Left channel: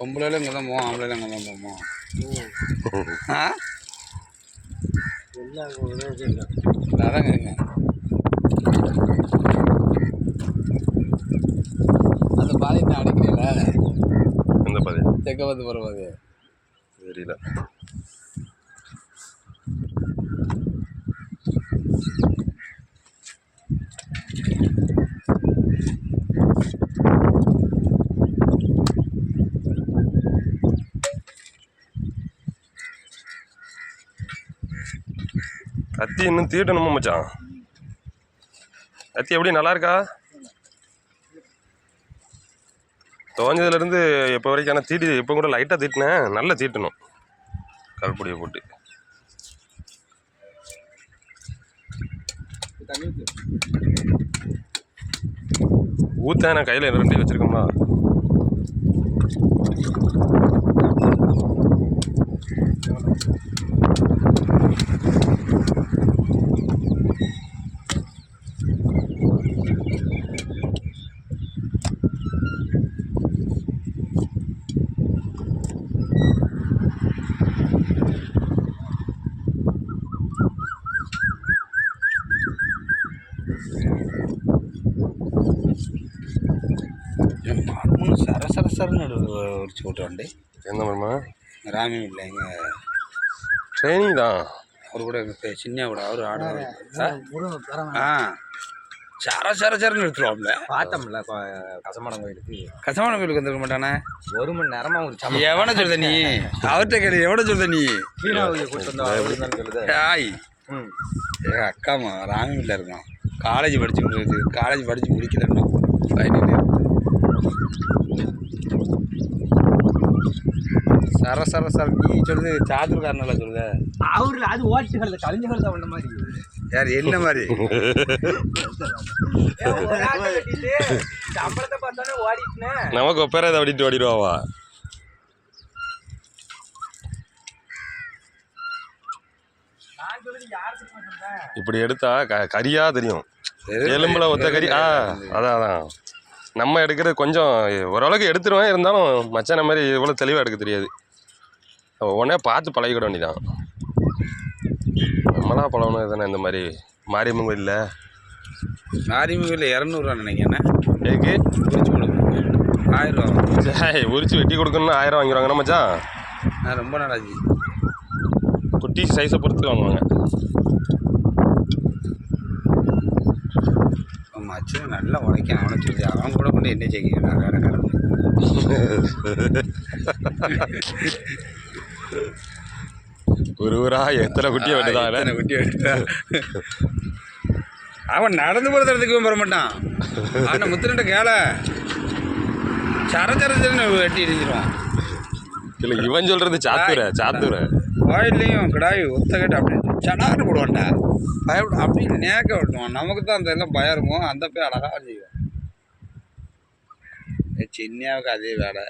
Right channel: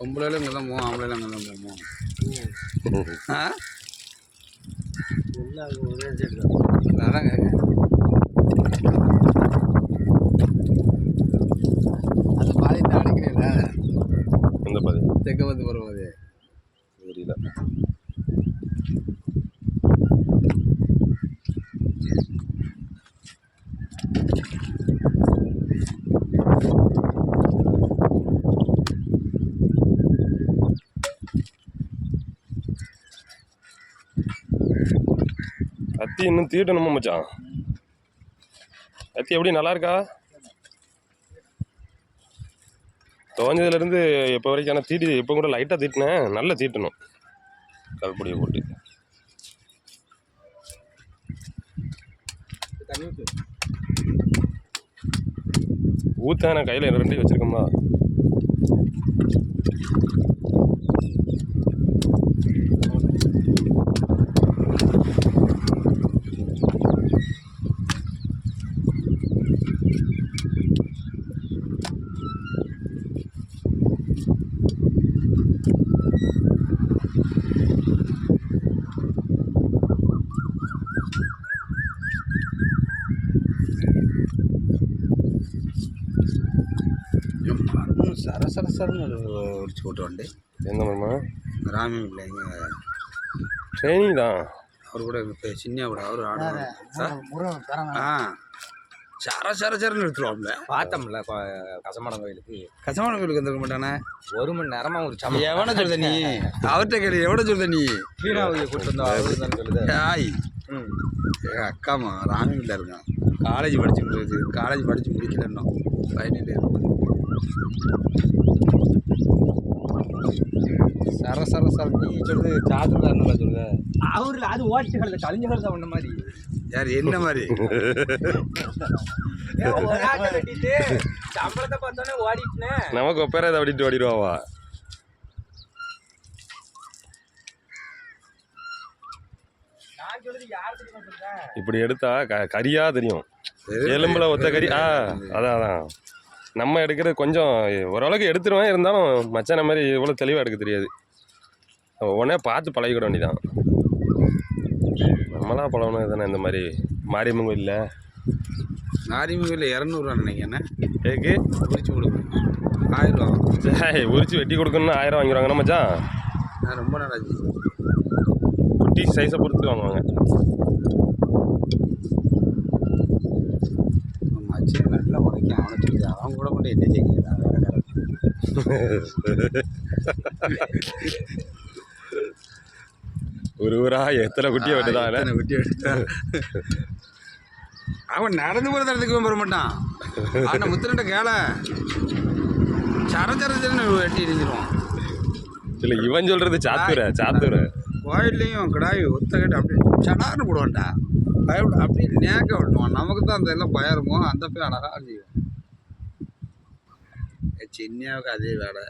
பொம்பளையில இங்கே தான் போவோம், ஆம்பளையில அங்கே தான் போவோம். அதான் கேட்குறேன். அந்த பாதை நான் அடிக்கிறீங்களா? எந்த பாதை? தெற்க பார்த்து போகிற பாதை தெரியல. கத்தி இன்னும் தீட்டணுமா மச்சான்? கத்தி எப்படி நல்லா இருக்கா? துவஞ்சதுலேருந்து இப்போ வரைக்கும் ஆனால் தீட்டி இப்போ கூட லைட்டாக தீட்டினேன். நல்லா தீட்டணும் கல்பொடியை போட்டு. ஊற்றேன் நான் கையில் 2 வச்சுருக்கோம்மா. சரசரன்னு ஒரு ஓட்டுவாண்டு. என்ன பண்ணுமா? ராமி இல்லை, எங்கள் ட்ரைனிங் தான். அவர் கூட சின்ன கூட அவர் ஆடுவார். சரசரன்னு எடுத்துருவாப்ல. பார்த்தோம்ல கசமான கோயிலுக்கு. கசமான கோயிலுக்கு வந்துருக்க மாட்டானே. 1 மணி நேரமா ஒரு சம எவனை சொல்லுத நீ? அவர்கிட்ட கேள்வி எவனை சொல்லுத நீ? கூட்டு வந்தோம் சொல்லுது. ஆய் எங்கள் அக்காமா ராமியில் இருக்கான். காலேஜ் படித்து முடிக்கலன்னா ஃபைனல் இயர். சர நீ சொல்லுது சாதுர்காரனால சொல்லுத. அவரு அது ஓட்டுகள் கலைஞர்கள் தான் பண்ண மாதிரி. யார் என்ன மாதிரி? சம்பளத்தை பார்த்தோன்னே ஓடிட்டுனேன். நமக்கு ஒப்பேர இதை ஓடிட்டு ஓடிடுவாவா? இப்படி எடுத்தா கறியா தெரியும். எலும்புல ஒத்த கறி. அதான் நம்ம எடுக்கிறது கொஞ்சம் ஓரளவுக்கு எடுத்துருவேன். இருந்தாலும் மச்சான மாதிரி இவ்வளோ தெளிவாக எடுக்க தெரியாது. உடனே பார்த்து பழகிட வேண்டிதான். நம்மளா பழகணும் தானே. இந்த மாதிரி மாரியம்மன் கோயிலில் 200 நினைக்கிறேன். ஏக்கு உரிச்சு கொடுக்கணும் 1000 ரூபா. சரி, உரிச்சு வெட்டி கொடுக்கணும்னு 1000 வாங்கிடுவாங்க மச்சான். நான் ரொம்ப நாளாச்சு. குட்டி சைஸை பொறுத்து வாங்குவாங்க. மச்சன் நல்லா உழைக்க அவனை சொல்லி அவன் கூட கொண்டு என்ன செய்ய வேற காரணம். ஒரு ஊரா எத்தனை குட்டியை வெட்டுதான். குட்டியை வெட்டுதா அவன் நடந்து போகிற இடத்துக்கு வர மாட்டான். அவனை முத்துனட்ட கேள சரச்சரன்னு வெட்டி எரிஞ்சிருவான். இல்லை, இவன் சொல்கிறது சாத்துற கோயில்லையும் கிடாய் ஒத்த கட்டு அப்படி சடார்னு போடுவான்டா. பயப்பட அப்படி நேக்க விட்டுவான். நமக்கு தான் அந்த எல்லாம் பயம் இருக்கும். அந்த போய் அழகாக செய்வான். சின்னியாவுக்கு அதே வேலை.